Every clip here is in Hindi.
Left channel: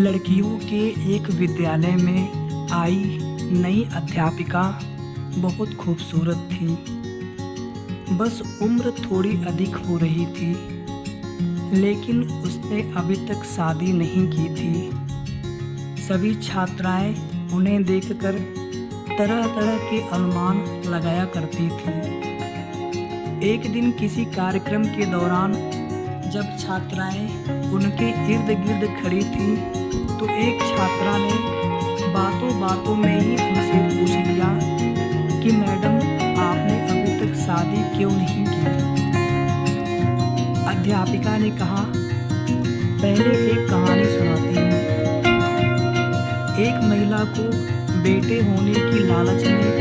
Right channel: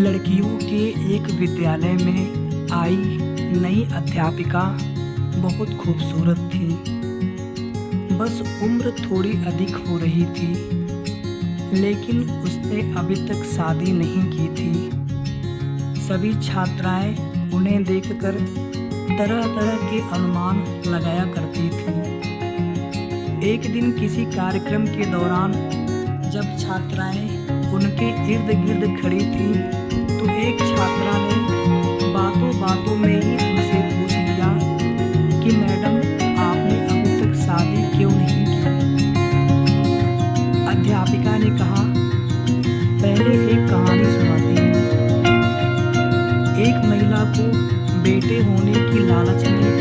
लड़कियों के एक विद्यालय में आई नई अध्यापिका बहुत खूबसूरत थी। बस उम्र थोड़ी अधिक हो रही थी, लेकिन उसने अभी तक शादी नहीं की थी। सभी छात्राएं उन्हें देखकर तरह तरह के अनुमान लगाया करती थी। एक दिन किसी कार्यक्रम के दौरान जब छात्राएं उनके इर्द गिर्द खड़ी थीं, तो एक छात्रा ने बातों बातों में ही उनसे पूछ लिया कि मैडम, आपने अभी तक शादी क्यों नहीं की? अध्यापिका ने कहा, पहले एक कहानी सुनाती हूँ। एक महिला को बेटे होने की लालच में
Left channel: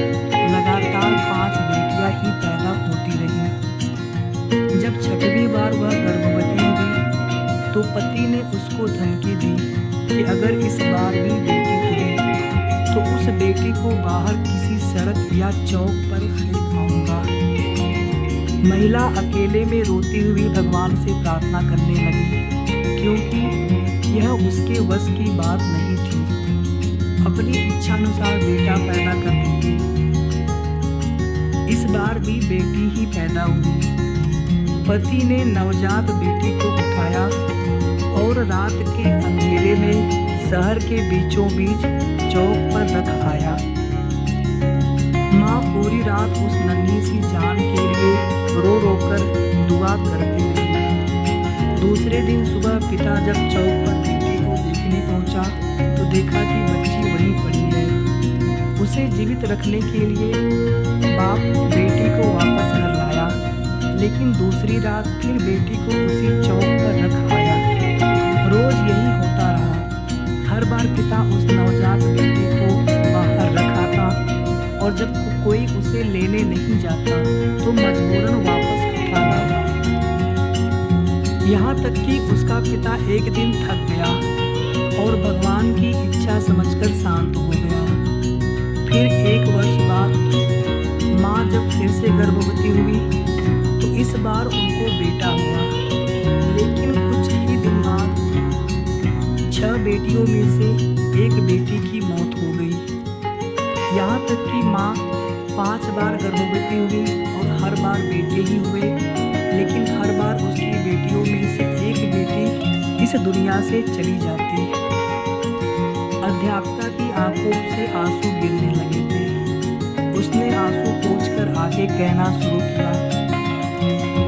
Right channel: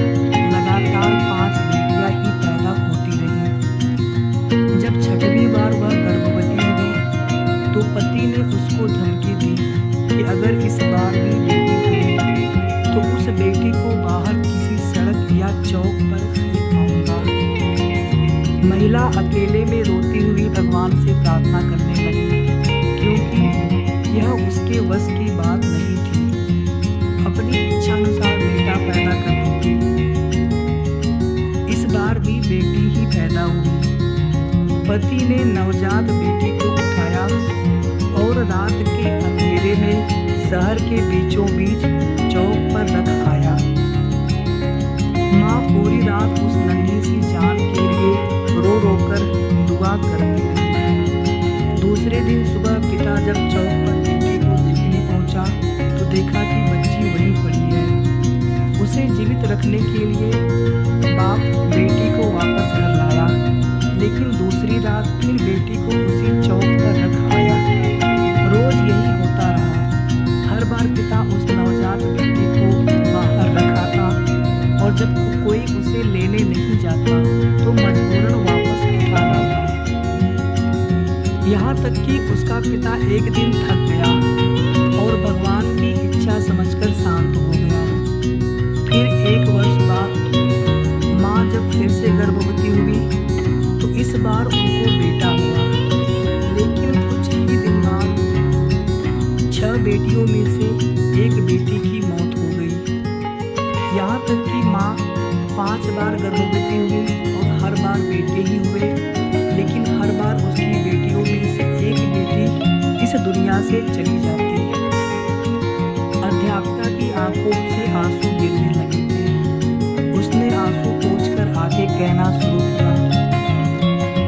लगातार 5 बेटियां ही पैदा होती रहीं। जब छठवीं बार वह गर्भवती हुई, तो पति ने उसको धमकी दी कि अगर इस बार भी बेटी हुई तो उस बेटी को बाहर किसी सड़क या चौक पर फेंक आऊंगा। महिला अकेले में रोती हुई भगवान से प्रार्थना करने लगी, क्योंकि यह उसके वश की बात नहीं थी। अपनी इच्छानुसार बेटा पैदा कर देती। इस बार भी बेटी ही पैदा हुई। पति ने नवजात बेटी को उठाया और रात के अंधेरे में शहर के बीचों बीच चौक पर रख आया। माँ पूरी रात उस नन्ही सी जान के लिए रो रो कर दुआ करती रही। दूसरे दिन सुबह पिता जब चौक पर बेटी को देखने पहुंचा, तो देखा कि बच्ची वहीं पड़ी है। उसे जीवित रखने के लिए बाप बेटी को वापस घर लाया, लेकिन दूसरी रात फिर बेटी को उसी चौक पर रख आया। रोज यही होता रहा। हर बार पिता उस नवजात बेटी को बाहर रखाता, और जब कोई उसे लेने नहीं जाता तो मजबूरन वापस उठा लाता। यहाँ तक कि उसका पिता एक दिन थक गया और भगवान की इच्छा समझकर शांत हो गया। फिर 1 वर्ष बाद माँ जब फिर से गर्भवती हुई, तो इस बार उनको बेटा हुआ। लेकिन कुछ ही दिन बाद 6 बेटियों में से एक बेटी की मौत हो गई। यहाँ तक कि माँ 5 बार गर्भवती हुई और हर बार बेटे ही हुए, लेकिन हर बार उसकी बेटियों में से एक बेटी इस दुनिया से चली जाती। अध्यापिका की आंखों से आंसू गिरने लगे थे। उसने आंसू पोंछकर आगे कहना शुरू किया,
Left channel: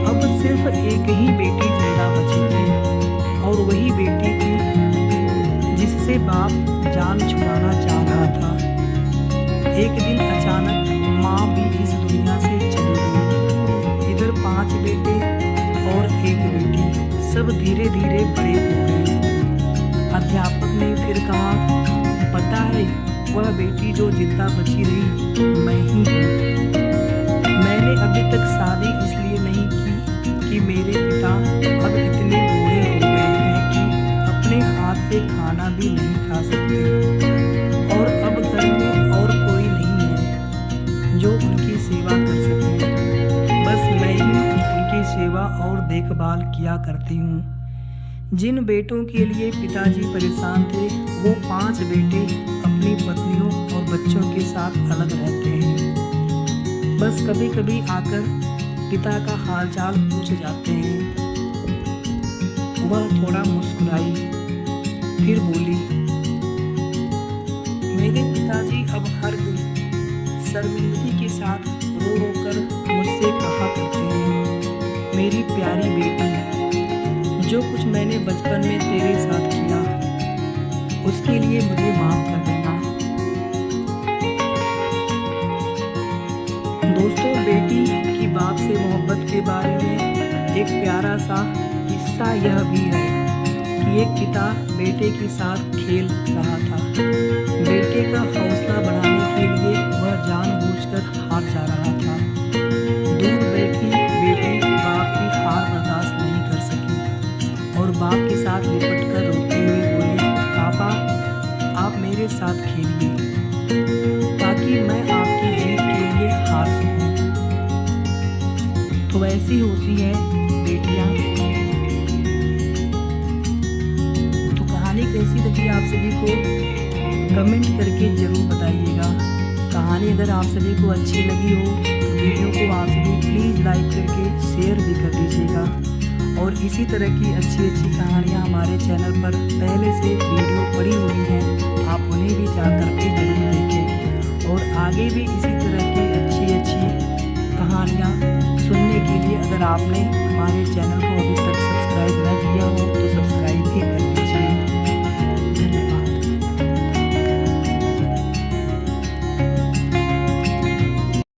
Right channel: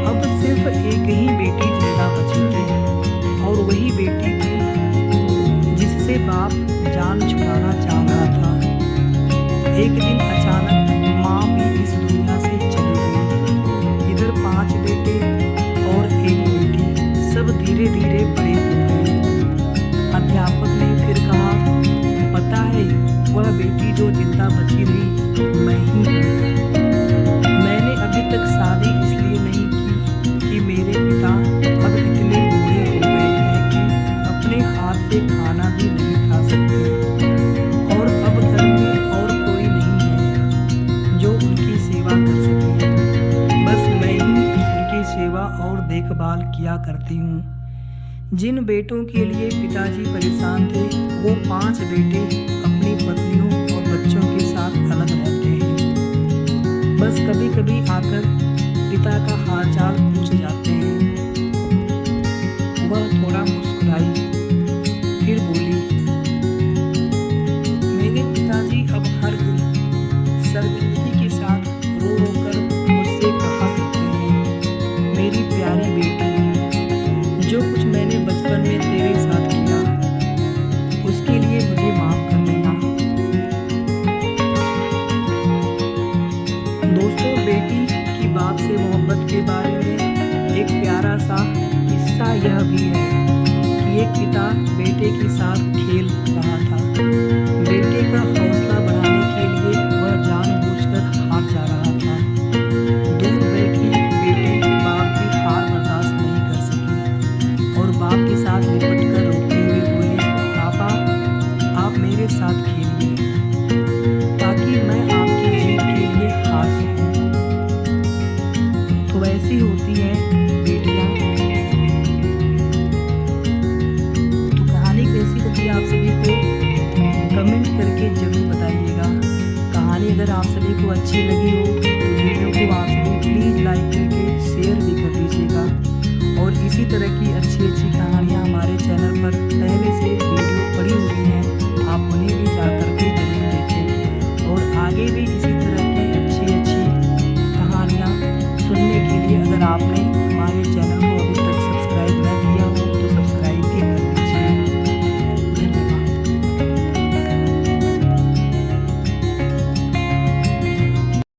अब सिर्फ एक ही बेटी जिंदा बची थी, और वही बेटी थी जिससे बाप जान छुड़ाना चाह रहा था। एक दिन अचानक माँ भी इस दुनिया से चली गई। इधर 5 बेटे और एक बेटी, सब धीरे धीरे बड़े हो गए। अध्यापक ने फिर कहा, पता है, वह बेटी जो जिंदा बची रही मैं ही हूँ। मैंने अभी तक शादी इसलिए नहीं की कि मेरे पिता अब इतने बूढ़े हो गए हैं कि अपने हाथ से खाना भी नहीं खा सकते, और अब घर में और कोई नहीं है जो उनकी सेवा कर सके। बस मैं ही उनकी सेवा और देखभाल किया करती हूँ। जिन बेटों के लिए पिताजी परेशान थे, वो 5 बेटे अपनी पत्नियों और बच्चों के साथ अलग रहते हैं। बस कभी कभी आकर पिता का हालचाल पूछ जाते हैं। वह थोड़ा मुस्कुराई, फिर बोली, मेरे पिताजी अब हर दिन शर्मिंदगी के साथ रो रो कर मुझसे कहा करते हैं, मेरी प्यारी बेटी, जो कुछ मैंने बचपन में तेरे साथ किया उसके लिए मुझे माफ कर देना। दोस्तों, बेटी की बाप से मोहब्बत के बारे में एक प्यारा सा किस्सा यह भी है कि एक पिता बेटे के साथ खेल रहा था। बेटे का हौसला बढ़ाने के लिए वह जानबूझकर हार जा रहा था। दूर बैठी बेटी बाप की हार बर्दाश्त नहीं कर सकी और बाप के साथ लिपट कर रोते हुए बोली, पापा, आप मेरे साथ खेलिए ताकि मैं आपकी जीत के लिए हार सकूं। तो वैसी होती हैं बेटियां। तो कहानी कैसी कैसी लगी आप सभी को कमेंट करके ज़रूर बताइएगा। कहानी अगर आप सभी को अच्छी लगी हो तो वीडियो को आप सभी प्लीज़ लाइक करके शेयर भी कर दीजिएगा। और इसी तरह की अच्छी अच्छी कहानियाँ हमारे चैनल पर पहले से वीडियो पड़ी हुई हैं, आप उन्हें भी जा कर के ज़रूर देखें। और आगे भी इसी तरह की अच्छी अच्छी कहानियाँ सुनने के लिए अगर आपने हमारे चैनल को अभी